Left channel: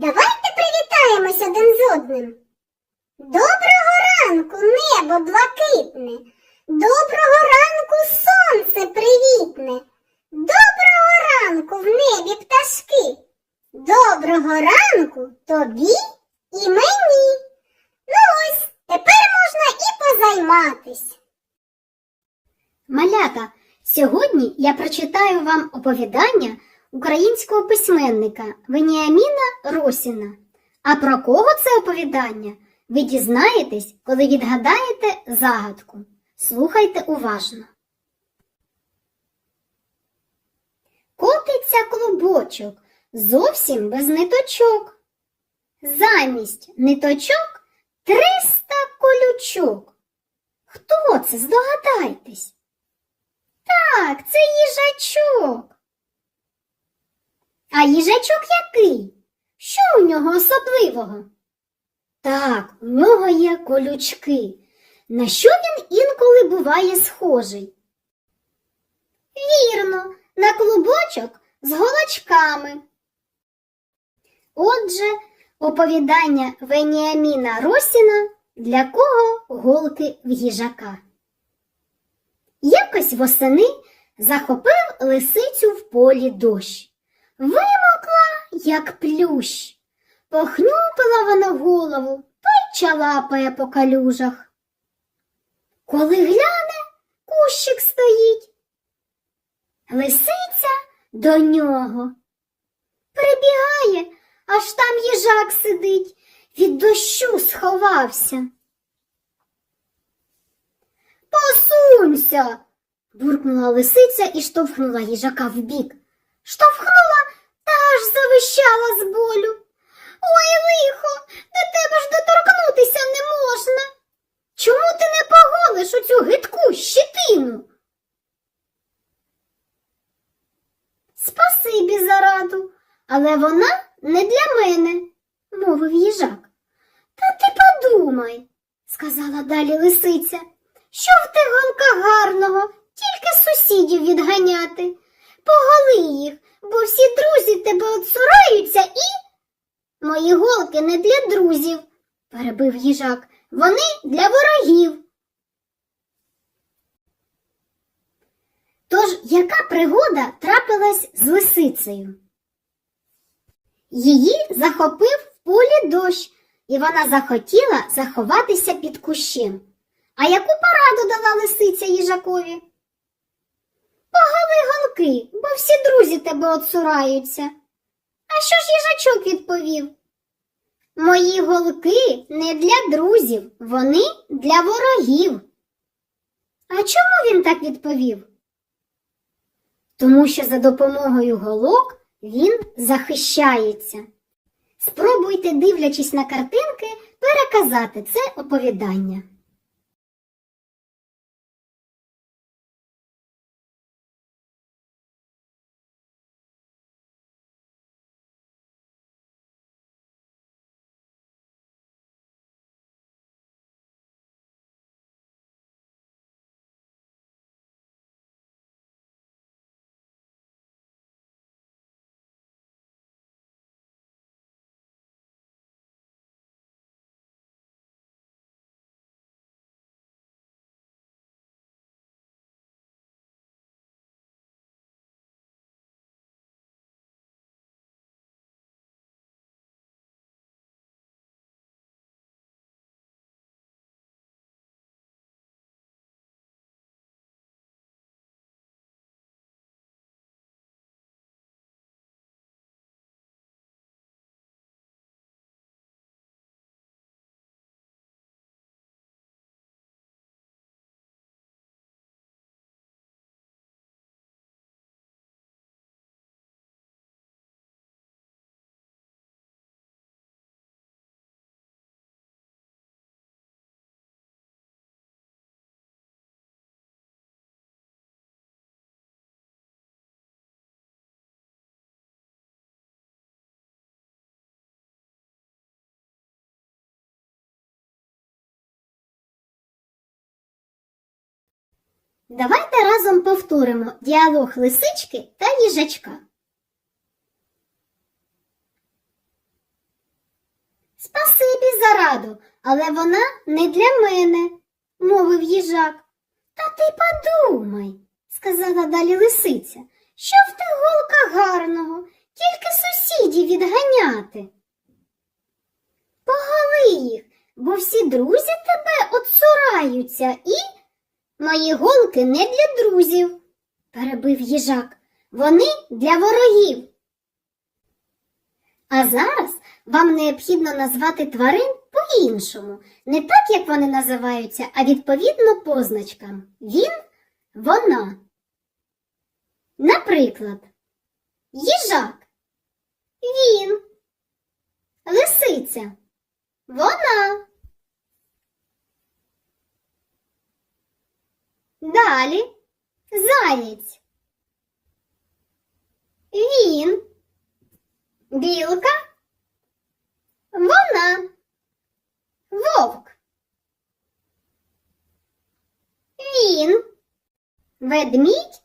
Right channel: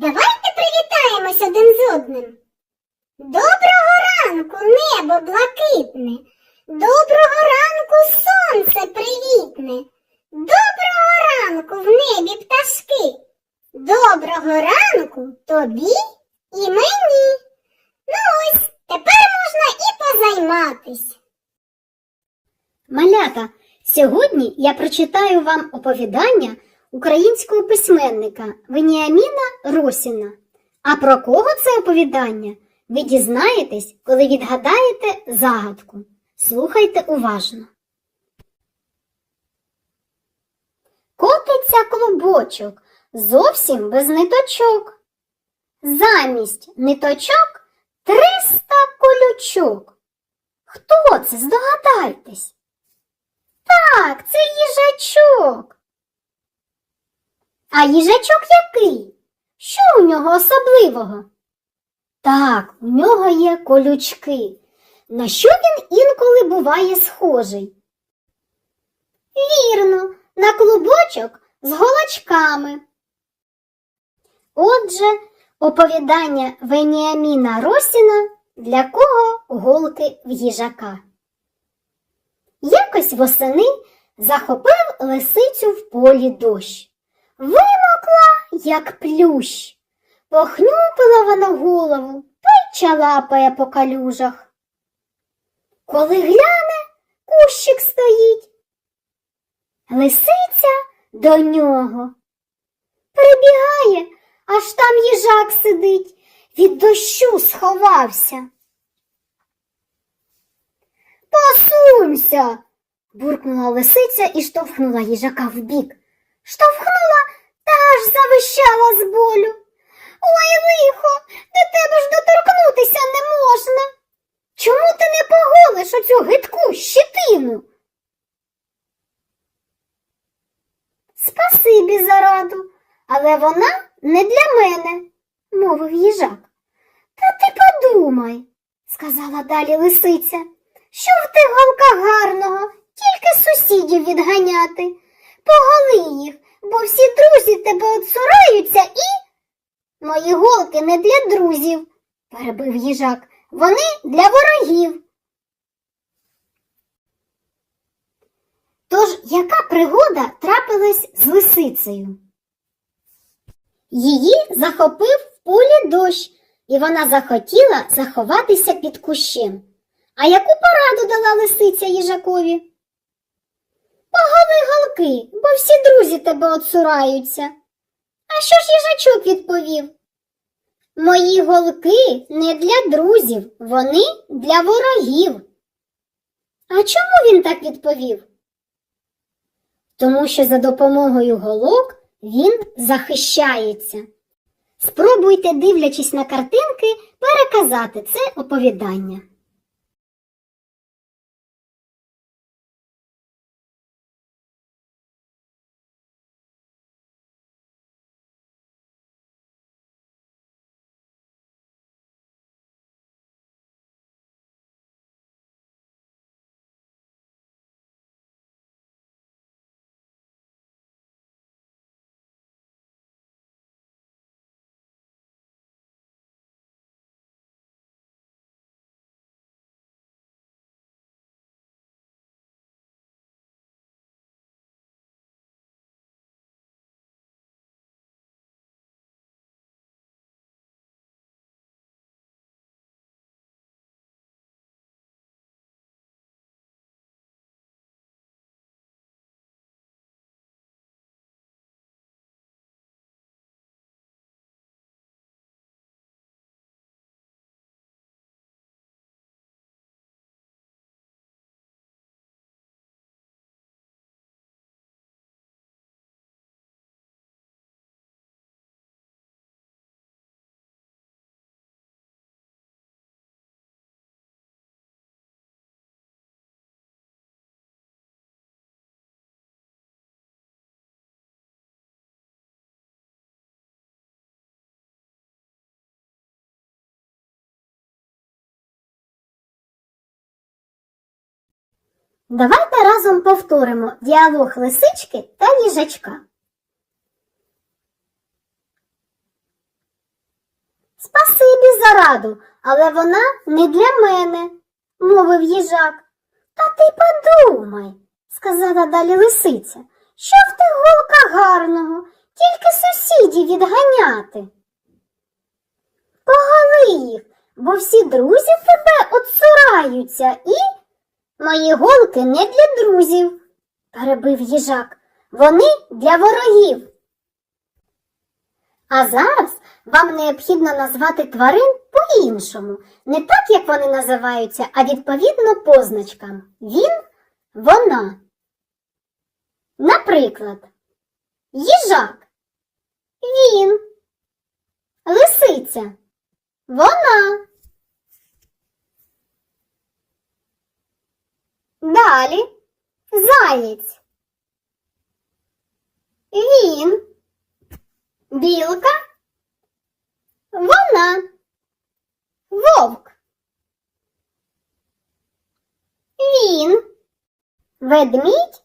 Давайте привітаємось один з одним. Доброго ранку, небо блакитне. Доброго ранку, сонце привітне. Доброго ранку в небі пташки. Доброго ранку тобі і мені. Ну ось, тепер можна і позайматись. Малята, сьогодні я прочитаю вам оповідання українського письменника Веніаміна Росіна. А про кого це оповідання? Ви дізнаєтесь, коли відгадаєте загадку. Слухайте уважно. Котиться клубочок, зовсім без ниточок. Замість ниточок триста колючок. Хто це? Здогадайтесь. Так, це їжачок. А їжачок який? Що у нього особливого? Так, у нього є колючки. На що він інколи буває схожий? Вірно, на клубочок з голочками. Отже, оповідання Веніаміна Росіна для кого голки в їжака. Якось восени захопив лисицю в полі дощ. Вимокла, як плющ. Похнюпила вона голову, та й чалапає по калюжах. Коли гляне, кущик стоїть. Лисиця до нього. Прибігає, аж там їжак сидить, від дощу сховався. Посунься. буркнула лисиця і штовхнула їжака вбік. Штовхнула аж завищала з болю. Ой, лихо, до тебе ж доторкнутися не можна. Чому ти не поголиш оцю гидку щитину? Спасибі за раду, але вона не для мене, мовив їжак. Та ти подумай, сказала далі лисиця. Що в тих голках гарного, тільки сусідів відганяти. Поголи їх, бо всі друзі тебе отсураються і. Мої голки не для друзів, перебив їжак. Вони для ворогів. Тож яка пригода трапилась з лисицею? Її захопив в полі дощ, і вона захотіла заховатися під кущем. А яку пораду дала лисиця їжакові? Поголи голки, бо всі друзі тебе отсураються. А що ж їжачок відповів? Мої голки не для друзів, вони для ворогів. А чому він так відповів? Тому що за допомогою голок він захищається. Спробуйте, дивлячись на картинки, переказати це оповідання. Давайте разом повторимо діалог лисички та їжачка. Спасибі за раду, але вона не для мене, мовив їжак. Та ти подумай, сказала далі лисиця, що в тих голках гарного, тільки сусідів відганяти. Поголи їх, бо всі друзі тебе отсураються і. Мої голки не для друзів, перебив їжак. Вони для ворогів. А зараз вам необхідно назвати тварин по-іншому, не так, як вони називаються, а відповідно позначкам. Він, вона. Наприклад, їжак. Він. Лисиця. Вона. Далі. Заєць. Він. Білка. Вона. Вовк. Він. Ведмідь.